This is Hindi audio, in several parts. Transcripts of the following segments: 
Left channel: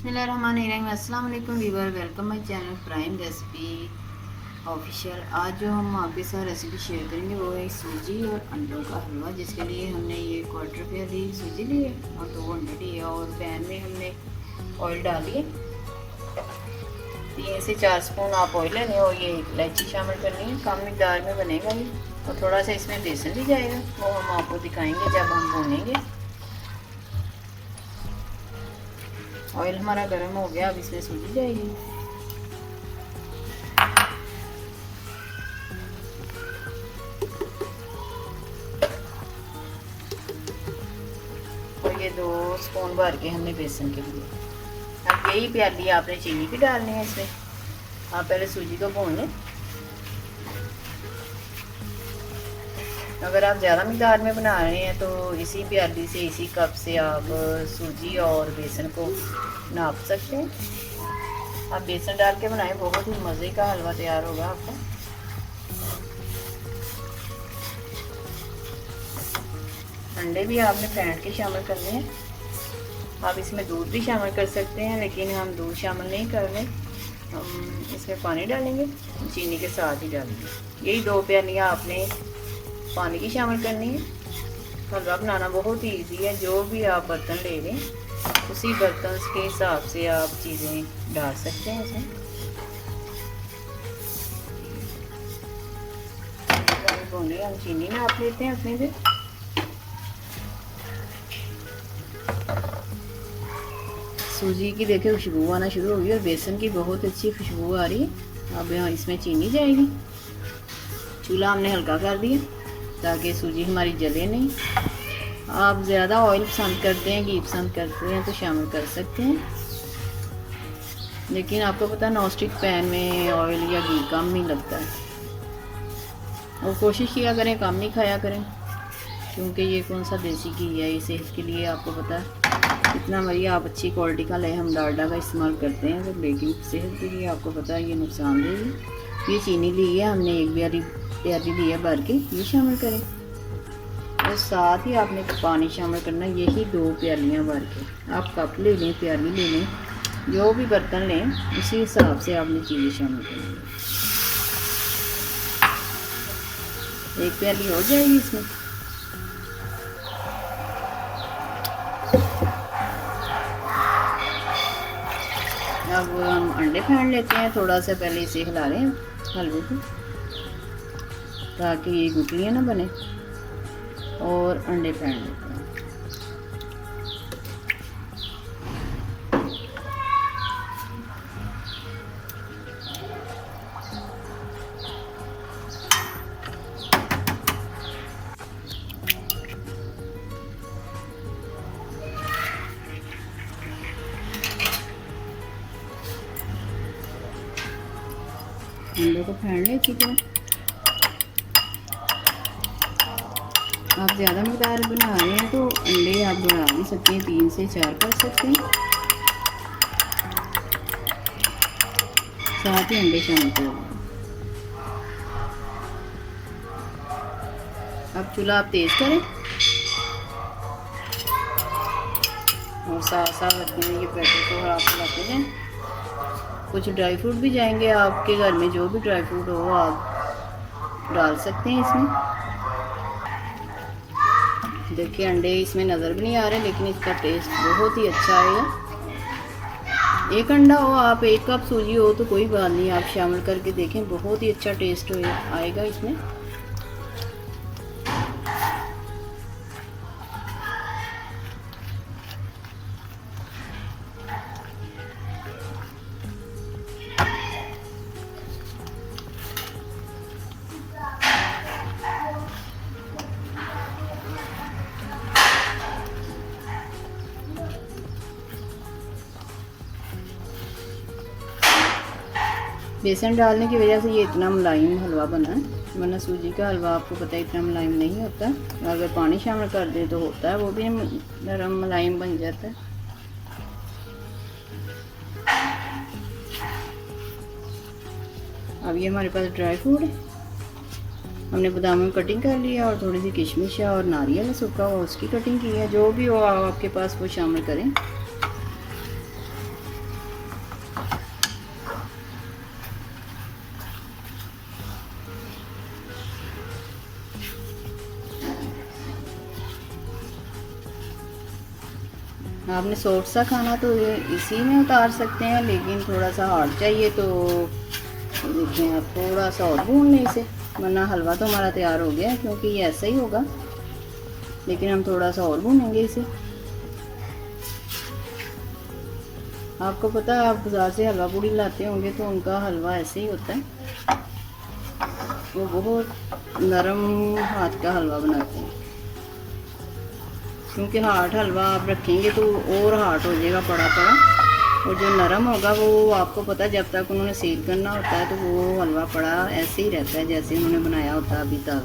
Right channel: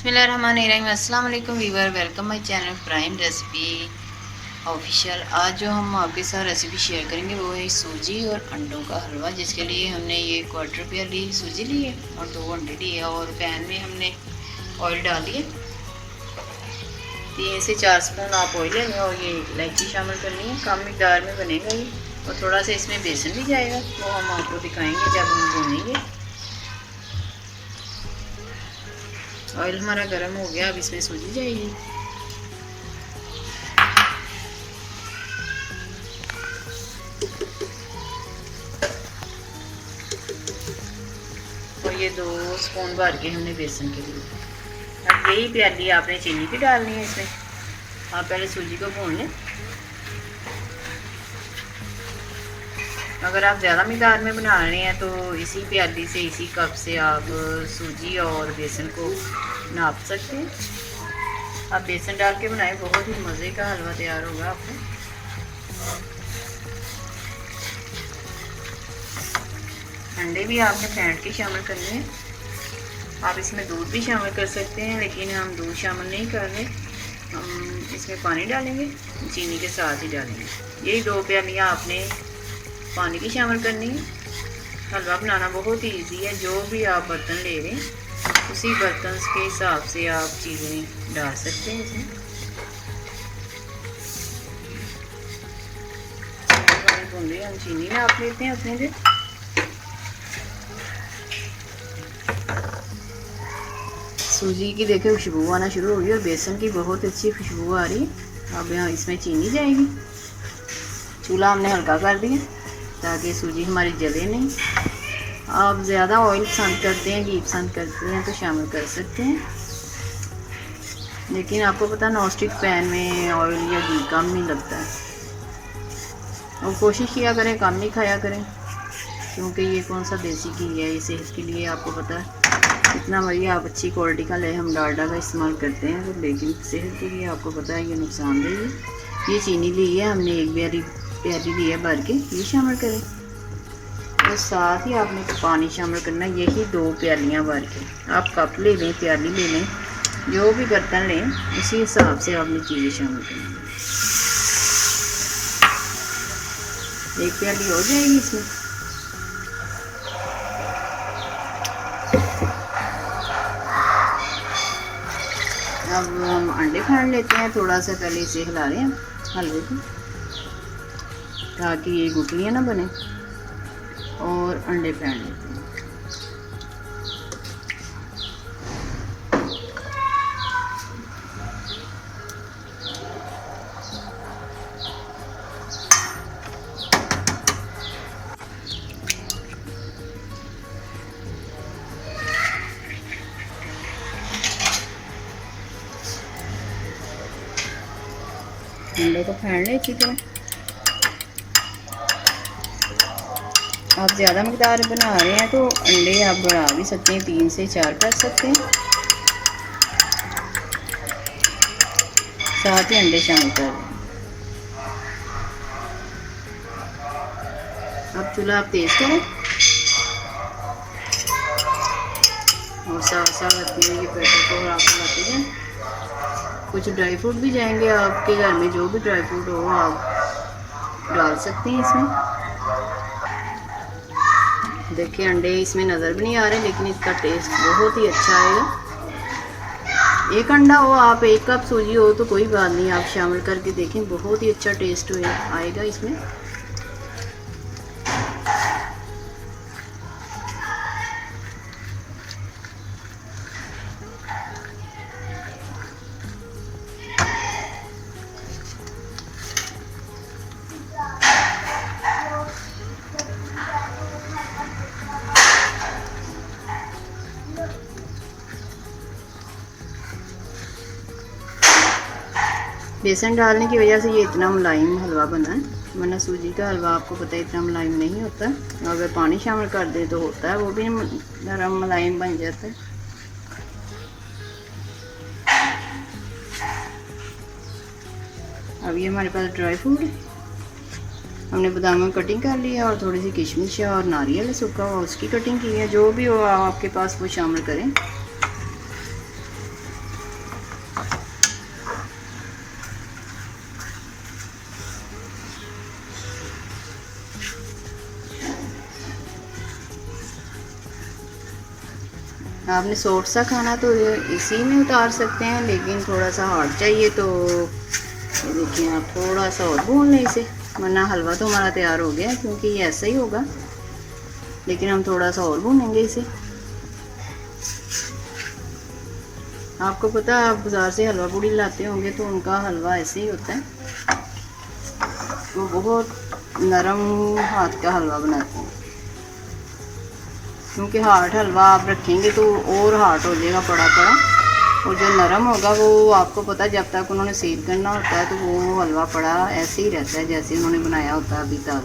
बिस्मिल्लाहिर्रहमानिर्रहीम। अस्सलाम वालेकुम viewer, welcome my channel prime recipe official. आज जो हम आपके साथ रेसिपी शेयर करेंगे वो है सूजी और अंडों का हलवा, जिसके लिए हमने ये क्वार्टर प्याली सूजी ली है और 2 अंडे लिए और पैन में हमने ऑयल डाल दिए। 3 से 4 स्पून आप ऑयल लेंगे और ये इलायची शामिल करनी है। कम मिकदार में बनेगा ये और थोड़ा सा इसमें बेसन भी जाएगा, वो हम आपको दिखाएंगे जब हम भूनेंगे। ऑयल हमारा गर्म हो गया, अब इसमें सूजी जाएगी। और ये 2 स्पून भर के हमने बेसन के लिए। अब यही प्याली आपने चीनी की डालनी है इसमें। आप पहले सूजी को भून लें। अगर आप ज़्यादा मिकदार में बना रहे हैं तो इसी प्याली से, इसी कप से आप सूजी और बेसन को नाप सकते हैं। आप बेसन डाल के बनाएं, बहुत ही मज़े का हलवा तैयार होगा आपका। अंडे भी आपने फेंट के शामिल करने हैं। आप इसमें दूध भी शामिल कर सकते हैं, लेकिन हम दूध शामिल नहीं कर रहे। हम इसमें पानी डालेंगे, चीनी के साथ ही डालेंगे। यही 2 प्यालियाँ आपने पानी की शामिल करनी है। हलवा बनाना बहुत ही ईजी है। जो भी आप बर्तन ले रहे हैं उसी बर्तन के हिसाब से आप चीज़ें डाल सकते हैं इसमें। हम चीनी नाप लेते हैं अपने से। सूजी की देखिए खुशबू आना शुरू हुई और बेसन की बहुत अच्छी खुशबू आ रही है। अब इसमें चीनी जाएगी। चूल्हा हमने हल्का कर दिया ताकि सूजी हमारी जले नहीं। आप ज़्यादा ऑयल पसंद करते हैं, घी पसंद करते हैं तो शामिल कर सकते हैं, लेकिन आपको पता नॉन स्टिक पैन में ऑयल या घी कम ही लगता है। और कोशिश किया करें कम ही खाया करें, क्योंकि ये कौन सा देसी घी है, इसे इसके लिए आपको पता है इतना बढ़िया आप अच्छी क्वालिटी का ले। हम डालडा का इस्तेमाल करते हैं तो, लेकिन सेहत के लिए आपको पता है ये नुकसानदेह है। ये चीनी ली है हमने, एक प्याली ली है भर के, ये शामिल करें। और साथ ही आपने पानी शामिल करना है, यही 2 प्यालियाँ भर के। आप कप ले लें, प्याली ले लें, जो भी बर्तन लें उसी हिसाब से आपने चीज़ें शामिल करनी। एक प्याली हो जाएगी इसमें। अब हम अंडे फेंट लेते हैं। थोड़ा सा पहले इसे हिला रहे हैं हलवे को, ताकि ये गुठलियाँ ना बने, और अंडे फेंट लेते हैं। अंडे को फेंट लें अच्छी तरह। आप ज़्यादा मिकदार बना रहे हैं तो अंडे आप बढ़ा भी सकते हैं, 3 से 4 कर सकते हैं। साथ ही अंडे शामिल कर दें। अब चूल्हा आप तेज़ करें और साथ साथ अपने ये बैटर को आप बनाते जाएं। कुछ ड्राई फ्रूट भी जाएंगे, आपके घर में जो भी ड्राई फ्रूट हो आप डाल सकते हैं इसमें। देखिए अंडे इसमें नज़र भी नहीं आ रहे, लेकिन इसका टेस्ट बहुत ही अच्छा आएगा। एक अंडा हो, आप 1 कप सूजी हो तो कोई बात नहीं, आप शामिल करके देखें, बहुत ही अच्छा टेस्ट आएगा इसमें। बेसन डालने की वजह से ये इतना मुलायम हलवा बना है, वरना सूजी का हलवा आपको पता है इतना मुलायम नहीं होता। अगर पानी शामिल कर दे तो होता है वो भी नरम मुलायम बन जाता है। अब ये हमारे पास ड्राई फ्रूट है, हमने बादाम की कटिंग कर लिया और थोड़ी सी किशमिश है और नारियल है सूखा हुआ, उसकी कटिंग की है। जो भी हो आपके पास वो शामिल करें। आपने सॉफ्ट सा खाना तो इसी में उतार सकते हैं, लेकिन थोड़ा सा हार्ड चाहिए तो देखिए आप थोड़ा सा और भून लें इसे, वरना हलवा तो हमारा तैयार हो गया, क्योंकि ये ऐसा ही होगा, लेकिन हम थोड़ा सा और भूनेंगे इसे। आपको पता है, आप बाज़ार से हलवा पूड़ी लाते होंगे तो उनका हलवा ऐसे ही होता है, वो बहुत नरम हाथ का हलवा बनाते हैं, क्योंकि हार्ड हलवा आप रखेंगे तो और हार्ड हो जाएगा, पड़ा पड़ा, और जो नरम होगा वो आपको पता है जब तक उन्होंने सेक करना होता है तो वो हलवा पड़ा ऐसे ही रहता है जैसे उन्होंने बनाया होता है अभी तक।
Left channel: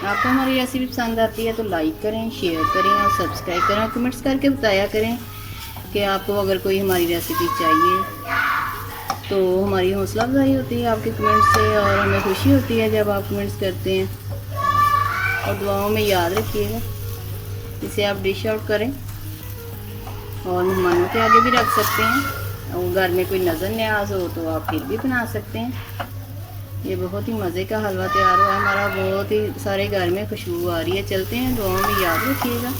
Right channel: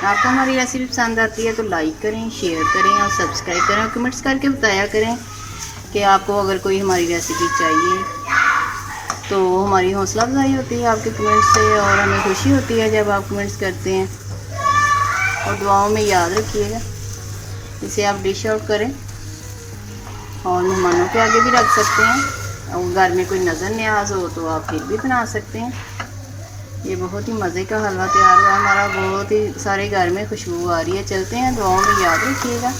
आपको हमारी रेसिपी पसंद आती है तो लाइक करें, शेयर करें और सब्सक्राइब करें, और कमेंट्स करके बताया करें कि आपको अगर कोई हमारी रेसिपी चाहिए, तो हमारी हौसला अफजाई होती है आपके कमेंट्स से, और हमें खुशी होती है जब आप कमेंट्स करते हैं। और दुआओं में याद रखिएगा, इसे आप डिश आउट करें और मेहमानों के आगे भी रख सकते हैं, और घर में कोई नज़र न्याज हो तो आप फिर भी बना सकते हैं। ये बहुत ही मज़े का हलवा तैयार हुआ है हमारा, बहुत ही सारे घर में खुशबू आ रही है। चलते हैं, दुआओं में याद रखिएगा।